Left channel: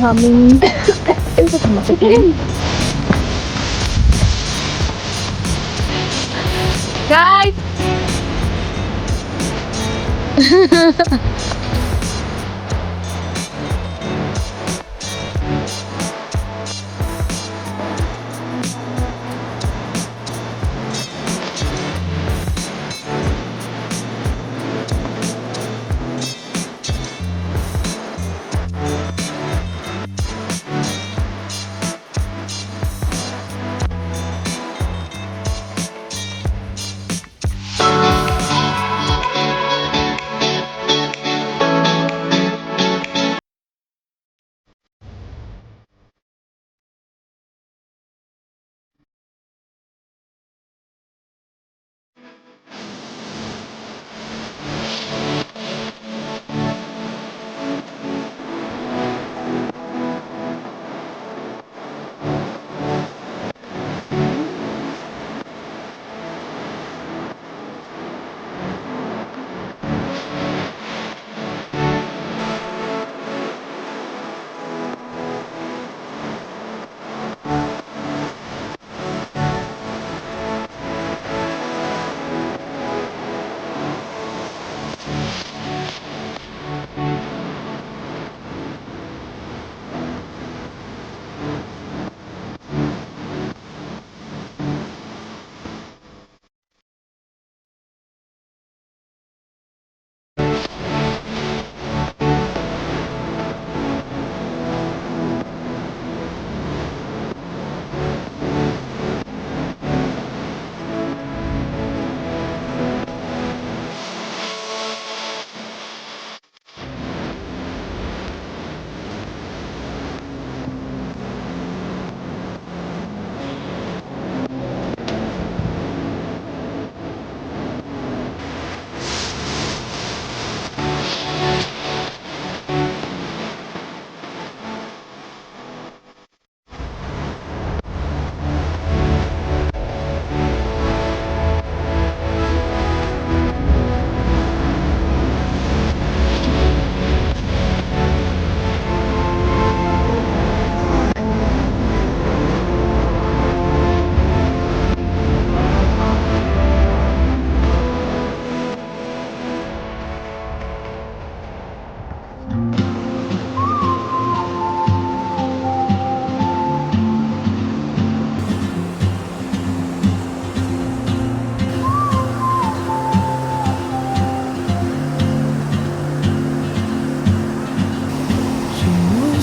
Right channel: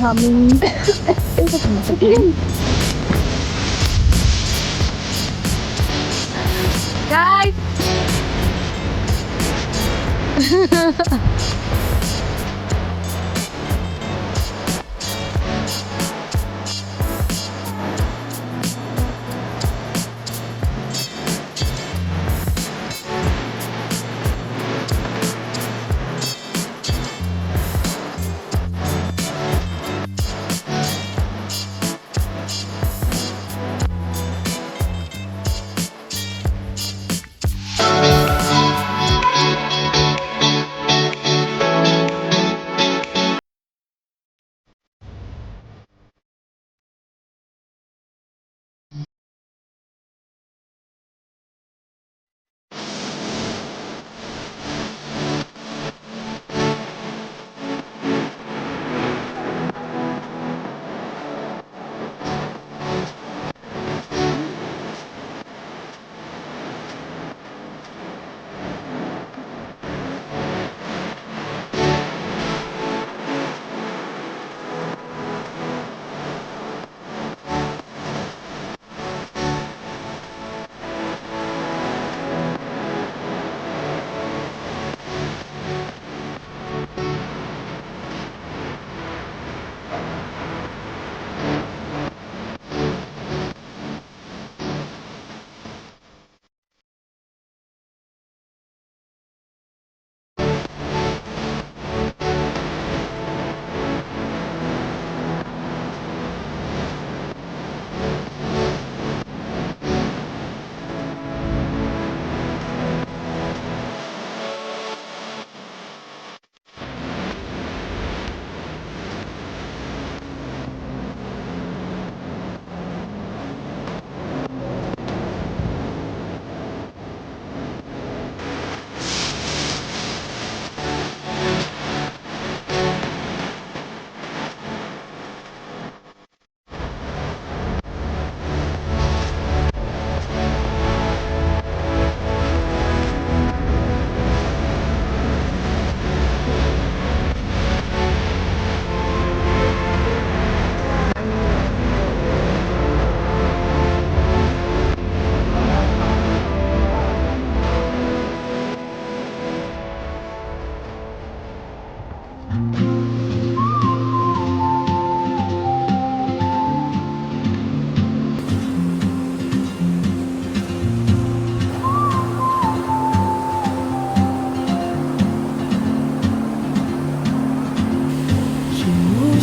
aming masakit. Guys!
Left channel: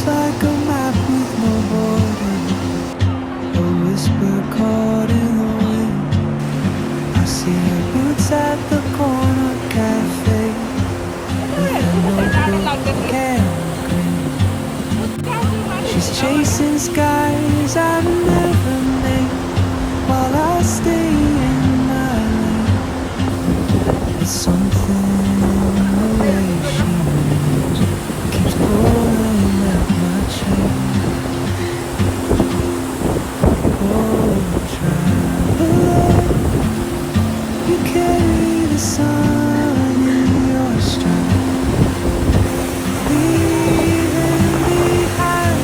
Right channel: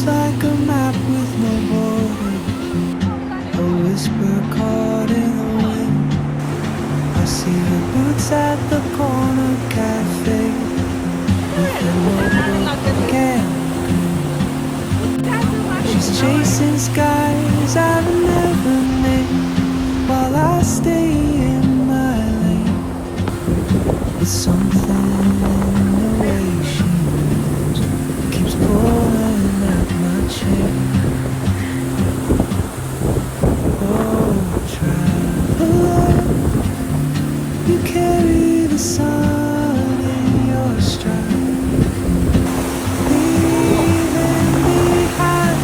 Like a map with no border, a whisper caught in the wind. I see her boots at the corner cafe with a notebook and a grin. She's chasing skies I've never named while I stay in my lane. It's something in the way she moves keeps pulling at my chain. Oh, traveler, you carry the sun in your stride, leaving behind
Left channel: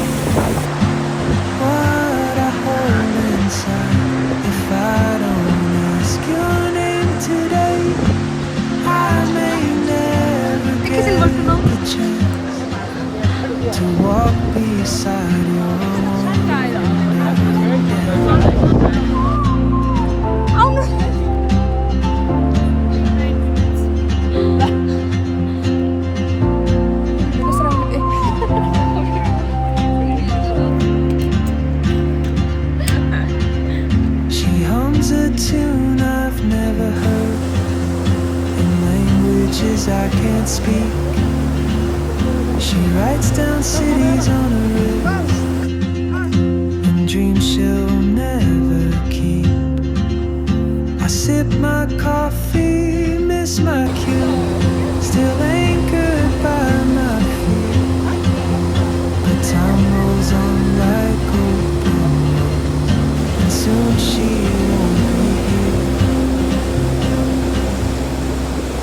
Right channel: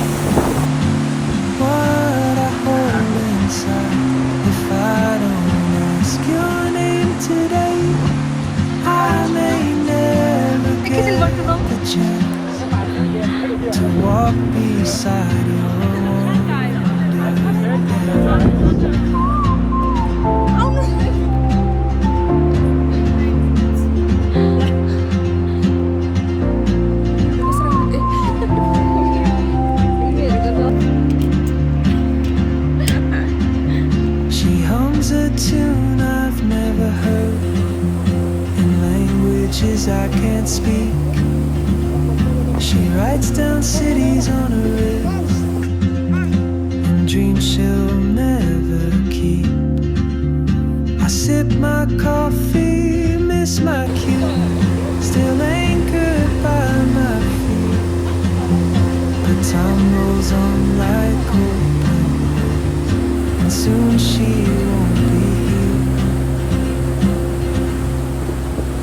what I hold inside. If I don't ask your name today, I may never get the chance to walk beside your wandering day. She hums a tune I've never heard in languages I can't speak. She writes down cities on her wrist and dreams she'll never keep. I sip my coffee, miss my cue, still anchored by my feet. But time rolls on like open roads, and soon she won't be here.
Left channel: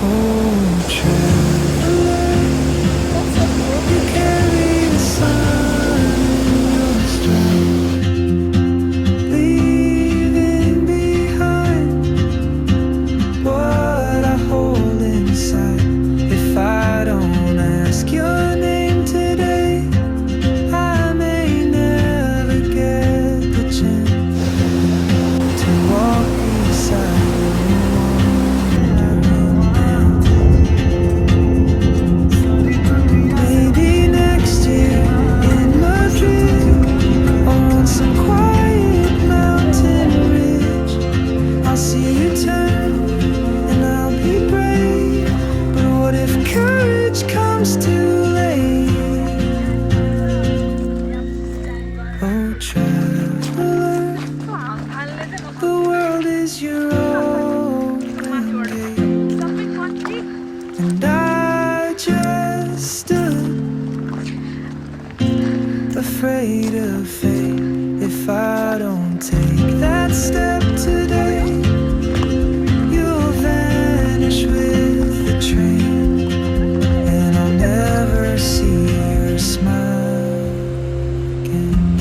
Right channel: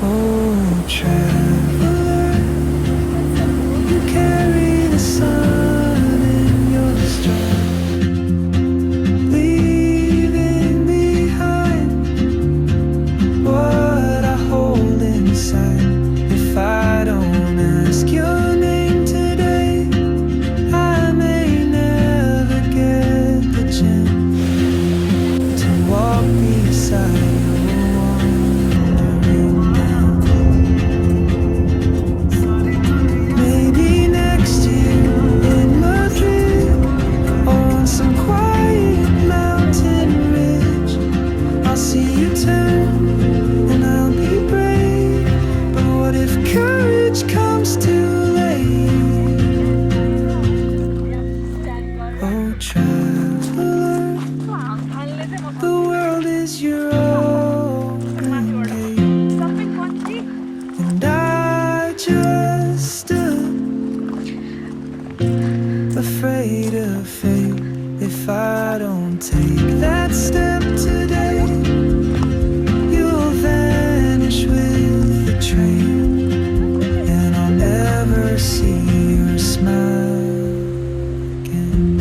Oh, traveler, you carry the sun I don't ask your name today, I may never get the chance to walk beside your wandering dance. Maybe next year in Madrid, or on some quiet mountain ridge, I'll see you turn and I'll be brave. But what if courage comes too late? Oh, traveler, the world is your open gate, and I just stood afraid of fate. If I don't take that step today, you'll vanish with the train, and I'll never see your smile again.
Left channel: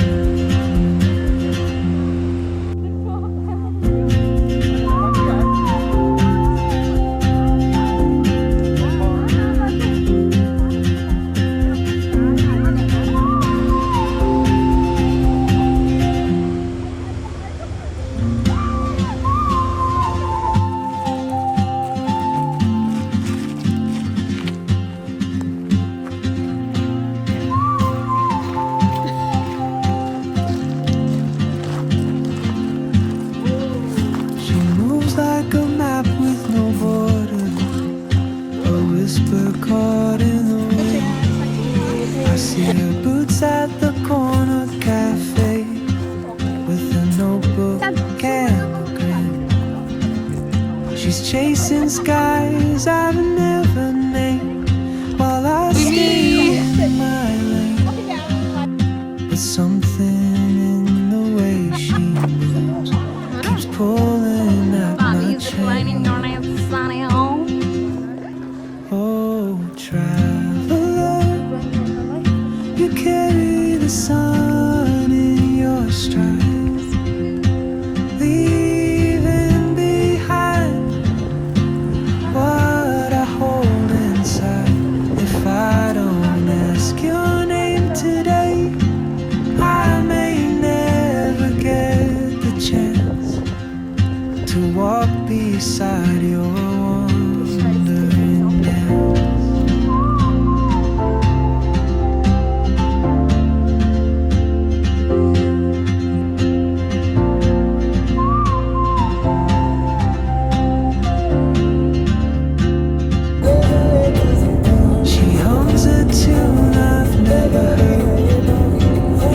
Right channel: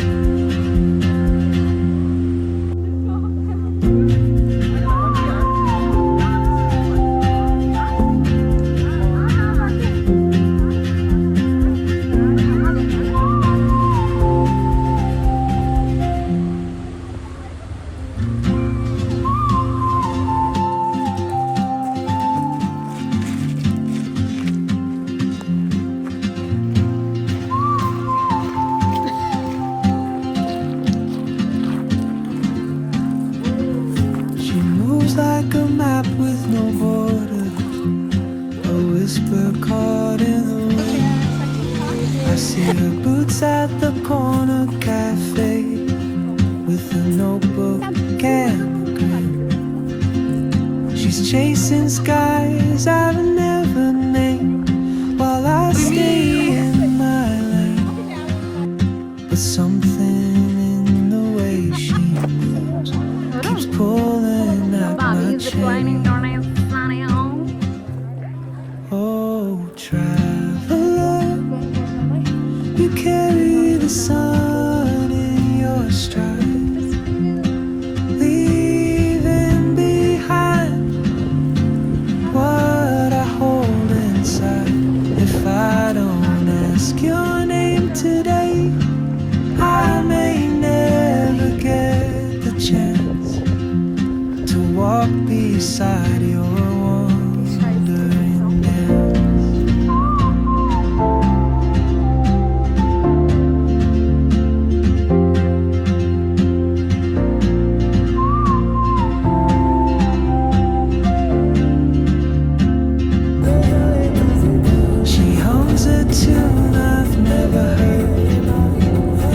She moves like a map with no borders, a whisper caught in the wind. I see her boots at the corner cafe, with a notebook and a grin. She's chasing skies I've never named, while I stay in my lane. But something in the way she moves keeps pulling at my chain. Oh, traveler, you carry the sun in your stride, leaving behind what I hold inside. If I don't ask your name today, I may never get the chance to walk beside your wandering dance. She hums a tune I've never heard,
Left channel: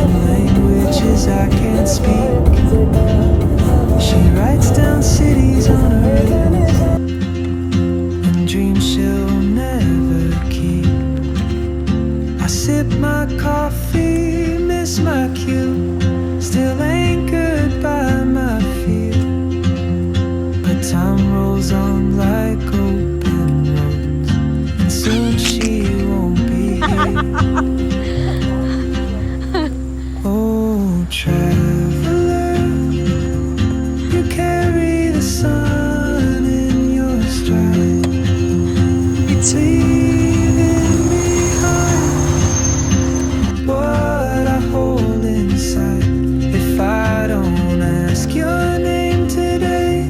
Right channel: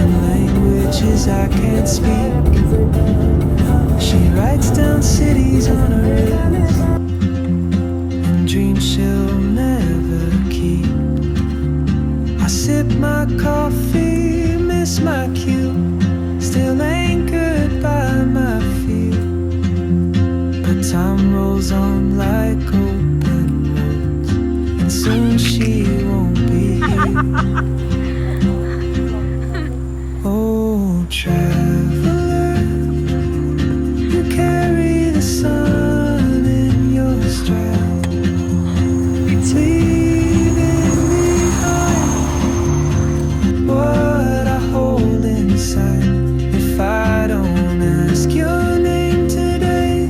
in languages I can't speak. She writes down cities on her wrist, and dreams she'll never keep. I sip my coffee, miss my cue, still anchored by my fear. But time rolls on like open roads, and soon she won't be here. Oh, traveler, you carry the sun in your stride, leaving behind what I hold inside. If I don't ask your name today,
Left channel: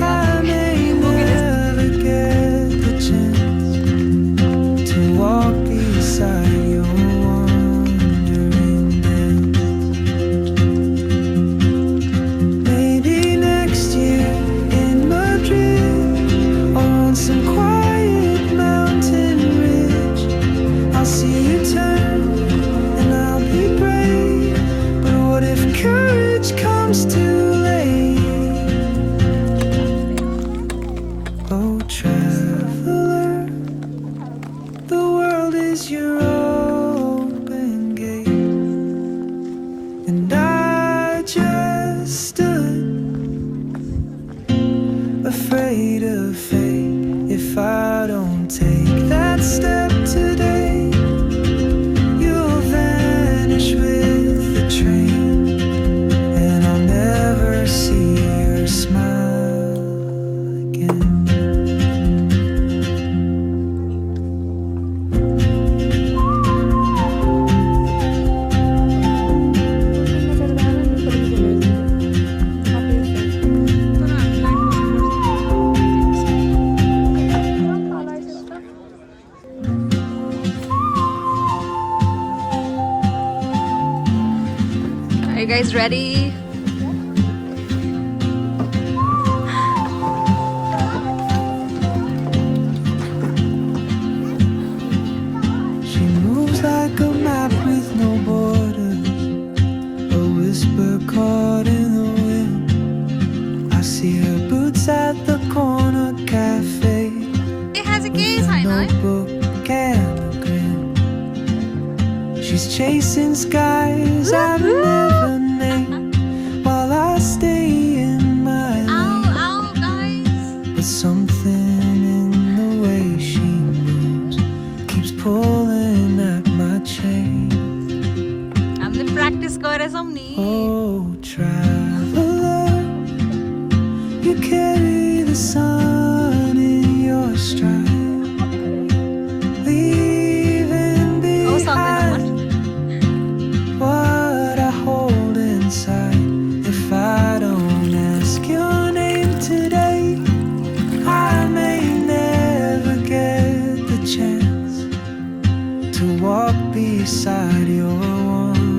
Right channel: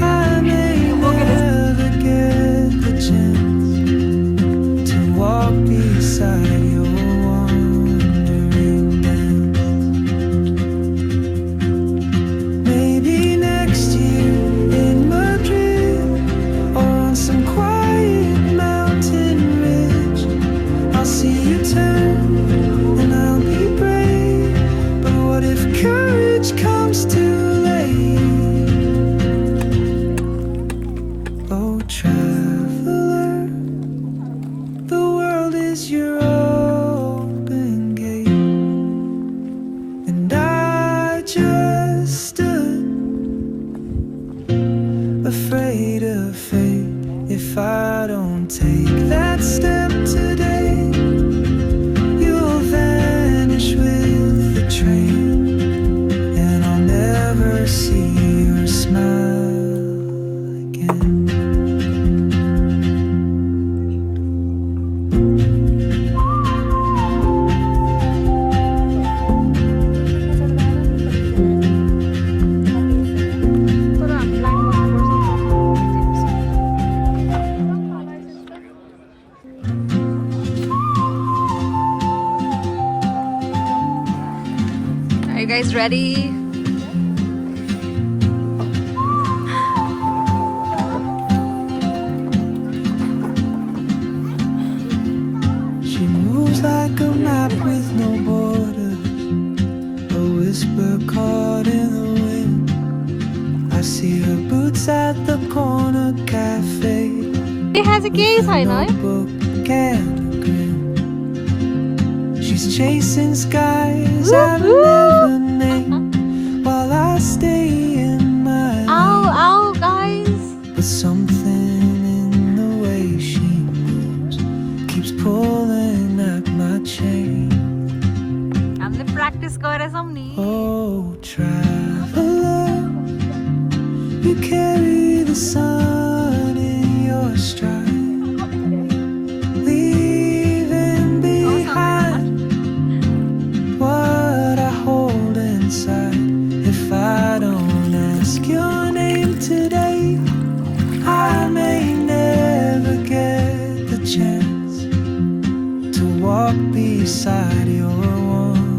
I may never get the chance to walk beside your wandering dance. Maybe next year in Madrid, or on some quiet mountain ridge, I'll see you turn and I'll be brave. But what if courage comes too late? Oh, traveler, the world is your open gate, and I just stood afraid of fate. If I don't take that step today, you'll vanish with the train, and I'll never see your smile again. guys ready? She moves like a map with no borders, a whisper caught in the wind. I see her boots at the corner cafe It has a with gaze a highlight. notebook and a grin. She's chasing skies I've never named while I stay in my Ow, lane. ow, guys. But something in the way she moves keeps pulling at my chain. हमने practice करा समनी. Oh, traveler, you carry the sun in your stride, leaving behind what I hold inside. If I don't ask your name today, I may never get the chance to walk beside your one.